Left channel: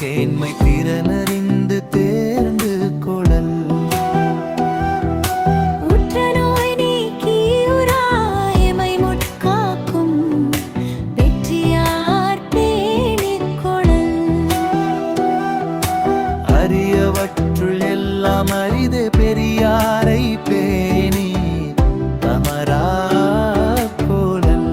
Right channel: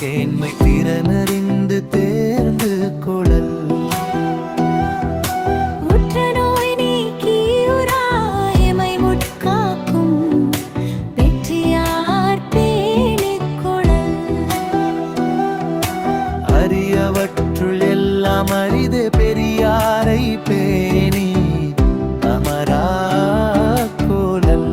கேண்மை திறனறிந்து தேர்ந்து கொளல். உற்ற நோய் நீக்கியுராயமை முட்காக்கும் வெற்றியார் பேணிக் கொளல். அரியவற்றுள் எல்லாம் அரிதே பெரியாரை பேணி தமரா கோலல்.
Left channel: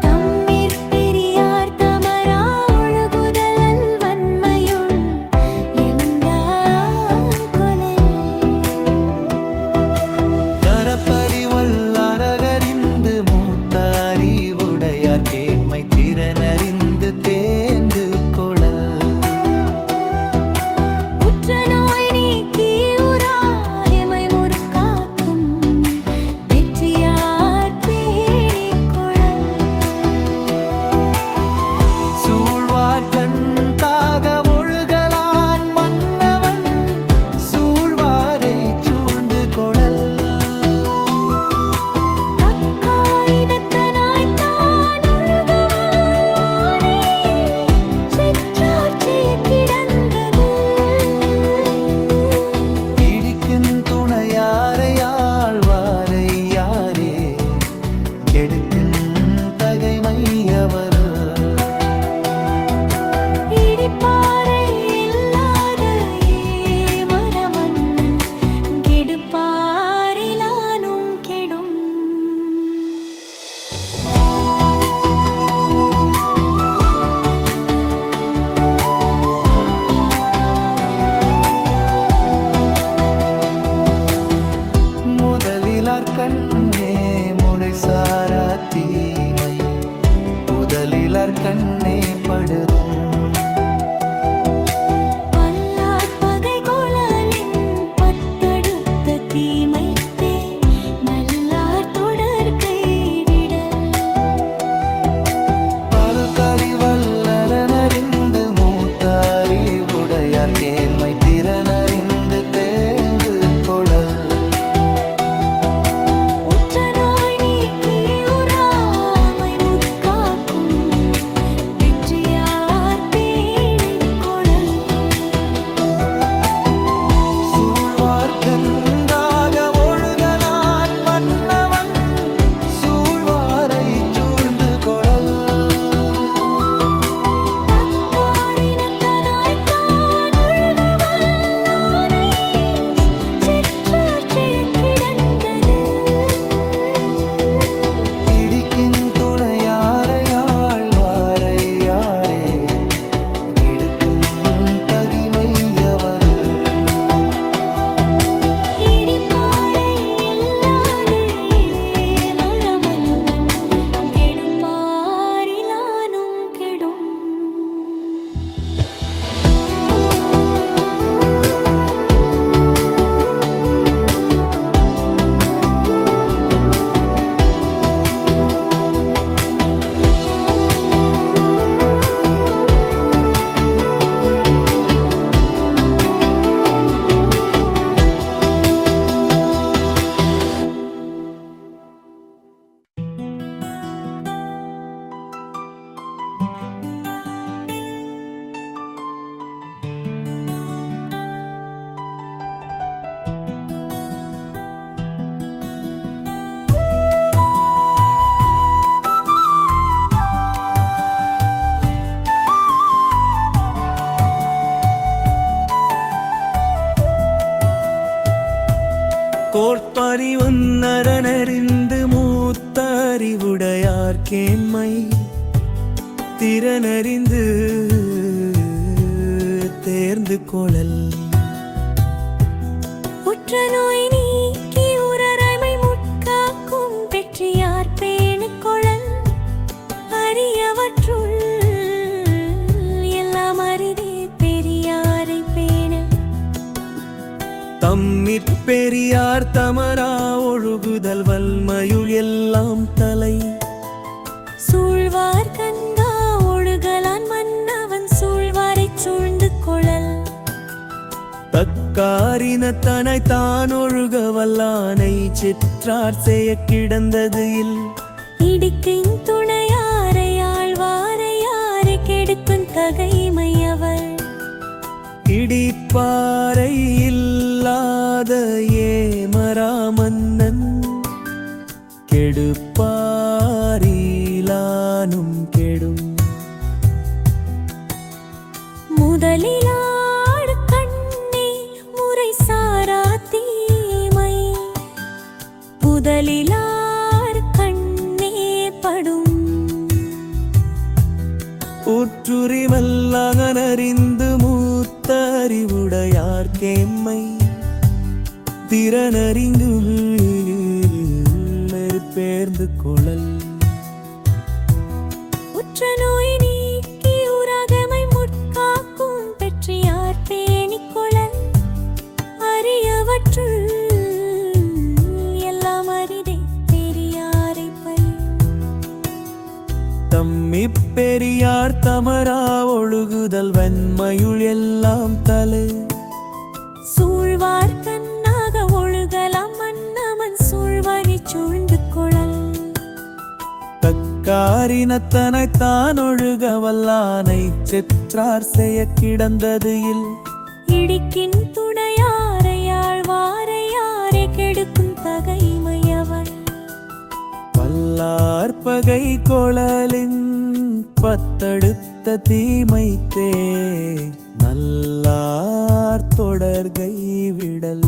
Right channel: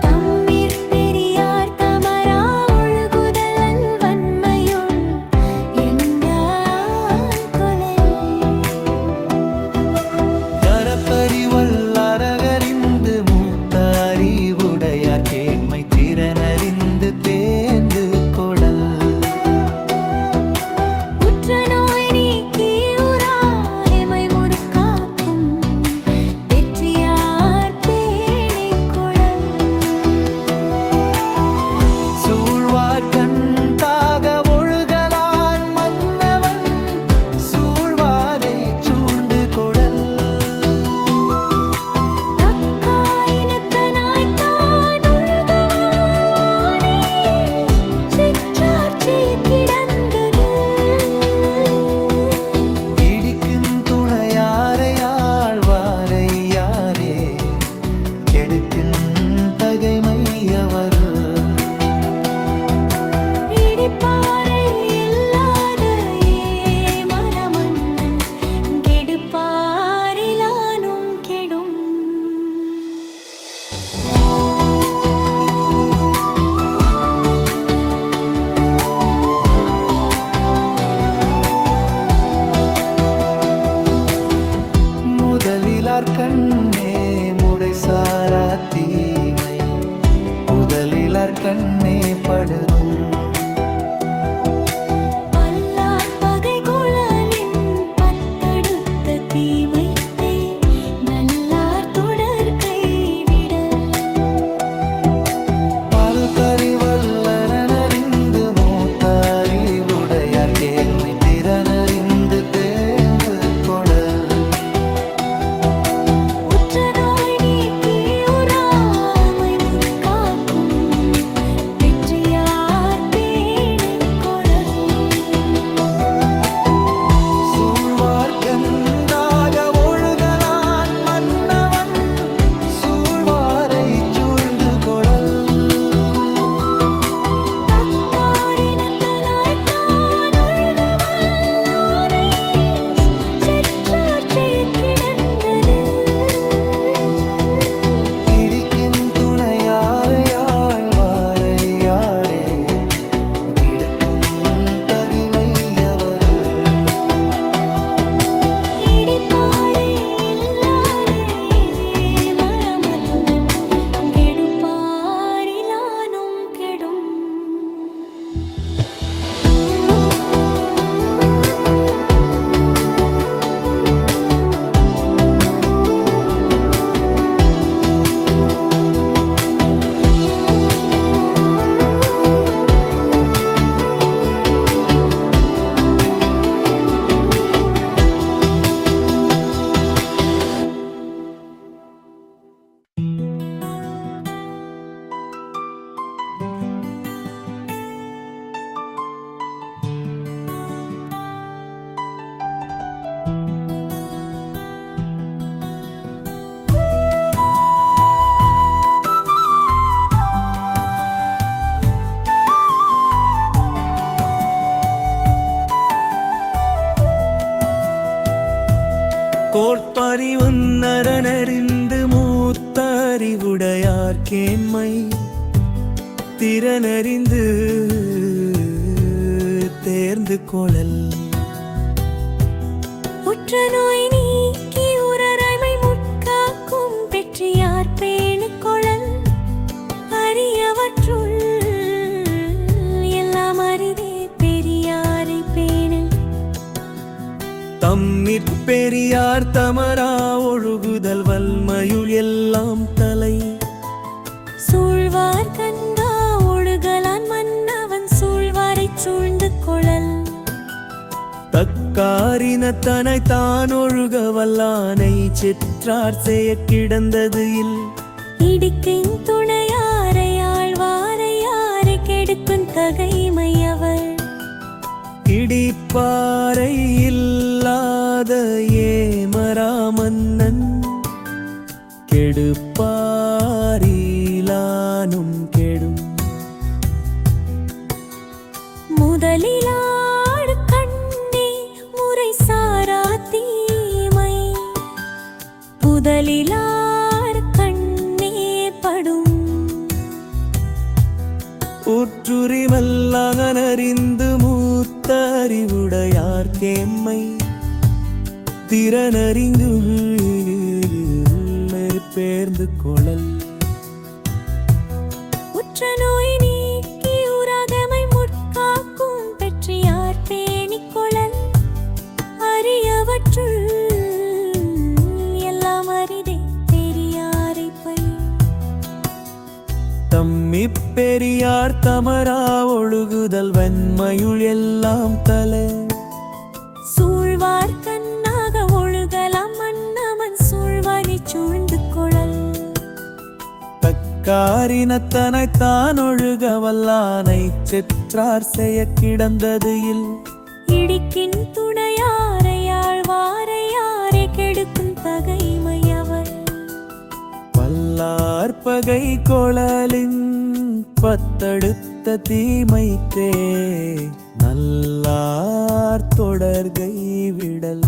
தம்மிற் பெரியார் தமரா ஒழுகுதல் வன்மையுள் எழுந்தான் கொளல். தரப்பறிவல்லரகறிந்து மூத்த அறிவுடையார் கேண்மை திறனறிந்து தேர்ந்து கொளல். உற்ற நோய் நீக்கியுராயமை முற்காக்கும் வெற்றியார் பேணிக் கொளல். சூழ்வார்கண் தாக ஒழுகலான் மன்னவன் சூழ்வாரை சூழ்ந்து கொடல். தக்காயினத்தனாய்த் தான் ஒழுகுவானே சிற்றாட்சியக் கிடந்தது. இடிக்கின் துணையாரை ஆழ்வாரை யாரே கெடுக்கின் தகைமையவர். இடிப்பாறை இல்லாத ஏமரமன்னன் கெடுப்பாரிலானும் கெடும். முதலிலார் கண்ணே முறைசாரா தீமை முதலிலார் கண்ணே படுதும். பல்லார் பகை குழலின் பத்தடுத்த தீமைத்தே நல்லார் தொடர் கைவிடல். பல்கறிவல்லரனறிந்து மூத்த அறிவுடையார் கேண்மை திறனறிந்து தேர்ந்து கொளல். உற்ற நோய் நீக்கியுராமை முட்காக்கும் வெற்றியார் பேணிக் கொளல். சூழ்வார்கந்தாக ஒழுகலான் மன்னவன் சூழ்வாரை சூழ்ந்து கொளல். தக்காரினத்தனாய்த் தான் ஒழுகுவல்லானை சிற்றாட்சியக் கிடந்தது. இடிக்கின் துணையாரை ஆழ்வாரை யாரே கெடுக்கும் தகிமையவர். இடிப்பாறை இல்லாத ஏமரமன்னன் கெடுப்பாரிலானும் கெடும். கோட்பறிவுன்னரனறிந்து மூத்த அறிவுடையார் கேண்மை திறனறிந்து தேர்ந்து கொளல். உற்ற நோய் நீக்கி உரரைமை முட்காக்கும் வெற்றியார் பேணிக் கொளல். அரியவற்றுள் எல்லாம் அரிதே பெரியாரை பேணல். தம்மிற் பெரியார் தமரா ஒழுகுதல் வல்மையுள் எல்லாம் தலை. சூழ்வார் கந்தா ஒழுகலான் மன்னவன் சூழ்வாரைச் சூழ்ந்து கொளல். தக்காரினத்தனை தான் ஒழுக வல்லானை சிற்றார் செய்ய கிடந்தது இல். இடிக்கின் துணையாரை ஆழ்வாரை யாரை கெடு கெடுக்கும் தகைமையவர் இடிப்பாறை இல்லாத ஏமராமன்னன் கெடுப்பாரிலானும் கெடும் முதலிலாடு கண்ணே முறை சாரா தீமை புதலிலார் கண்ணே படும் ஊற்றுரிமல்லாகனறிந்து மூத்த அறிவுடையார் கேம்மை திறனறிந்து பேர்ந்து கொளல் உற்ற நோய் நீக்கி உராகமை முட்காக்கும் பெற்றியார் பேணிக் கொளல் அரியவற்றுள் எல்லாம் அரிதே பெரியாரை பழி தம்மி பெரியார் தமரா ஒழுகுதல் வெண்மையுள் எல்லாம் தலை சூழ்வார் கண்ணாக ஒழுகலாம் மன்னவன் சூழ்வானை சூழ்ந்து கொளல் தக்காரினத்தனை தான் ஒழுக வல்லானை செற்றார் செய்ய கிடந்தது இல் இடிக்கின் துணையாரையாழ்வாரையாரை கெடுக்கும் தகைமையவர் பல்லார்பகை கொளலின் பத்தடுத்த தீமைத்தே நல்லார் தொடர்கை விடல்